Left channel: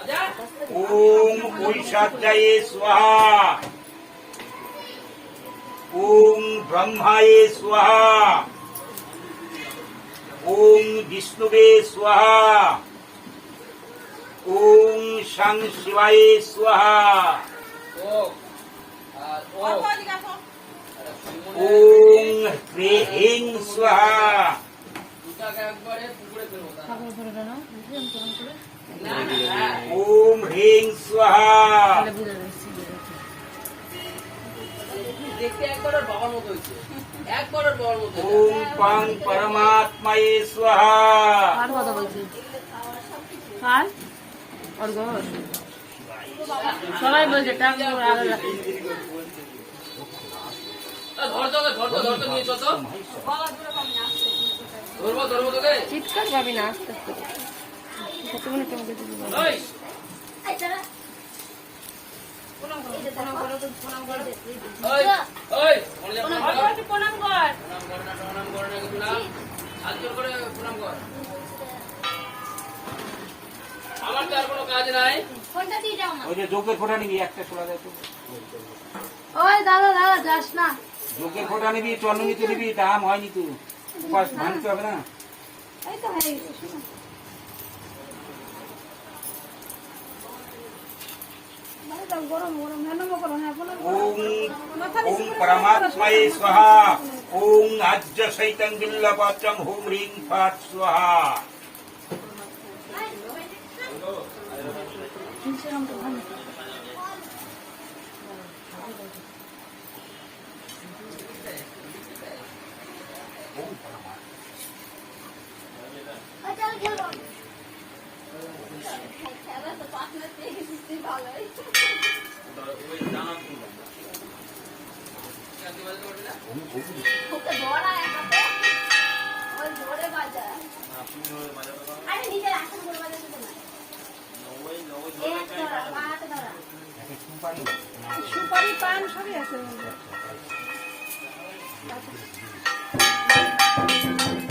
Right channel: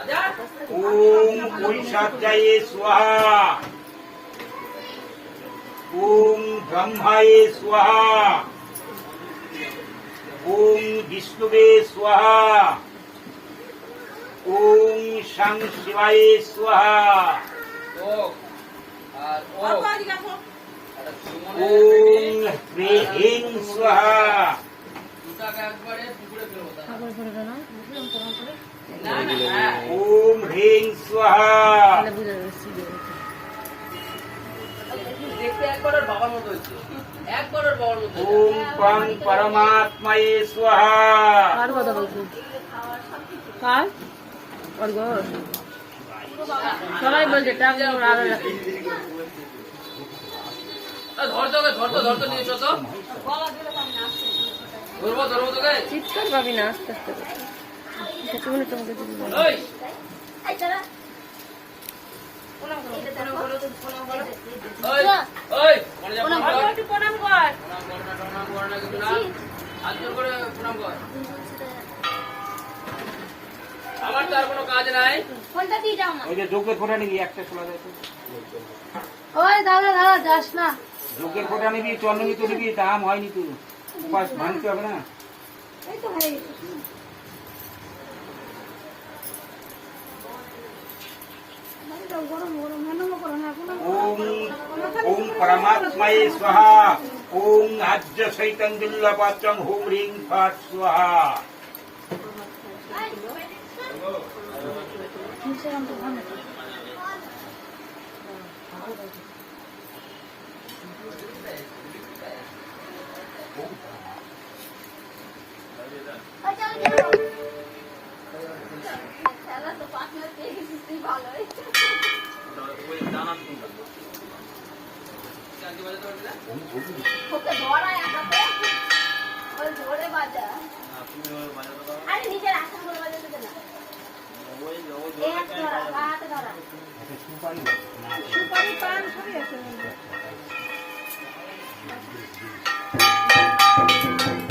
ओम वैशाख्याये स्वाहा, ओम ब्रह्माये स्वाहा, ओम विष्णुवे स्वाहा, ओम शं शिवाय स्वाहा, ओम ह्रीं स्वाहा, ओम ह्रीं स्वाहा, ओम पां परमात्माये स्वाहा, সবাই বলছে টাকা আগে রাখি চিৎকার পাবি না আস্তে আস্তে কতক্ষণ তোমাকে যদি আমার তো আর কোনো কাজ নাই। ফোনটা দিয়ে যাও না। ওই যে যোগের ফোঁটা নিবি, একটা খোলা যায় তো। ওই দাদা দাদা যাস না। যোগের ফোঁটা নিবি, চন্দ্র নিতে নিবি, দাম হয়নি তো, উপাস ভাঙতে হবে না। এই তো হয়ে গেছে। ओम ओम परमात्माये स्वाहा, ओम आज्य सहितं बिल्लपत्रं हुं ह्रीं फट् स्वाहा। ওকে ধরা একবারে ওই ধরে বাজা আরে নিচে আসন করে বাজা দিতে না এক ধরা হাত ধরা সুপারি পান সবই আছে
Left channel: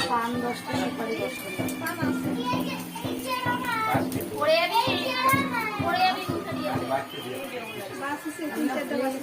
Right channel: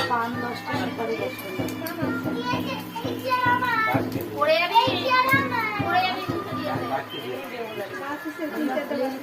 পান 10টা সুপারি 10টা পড়ে যাবে পড়ে যাবে বাকি সে দিতে দেওয়া है।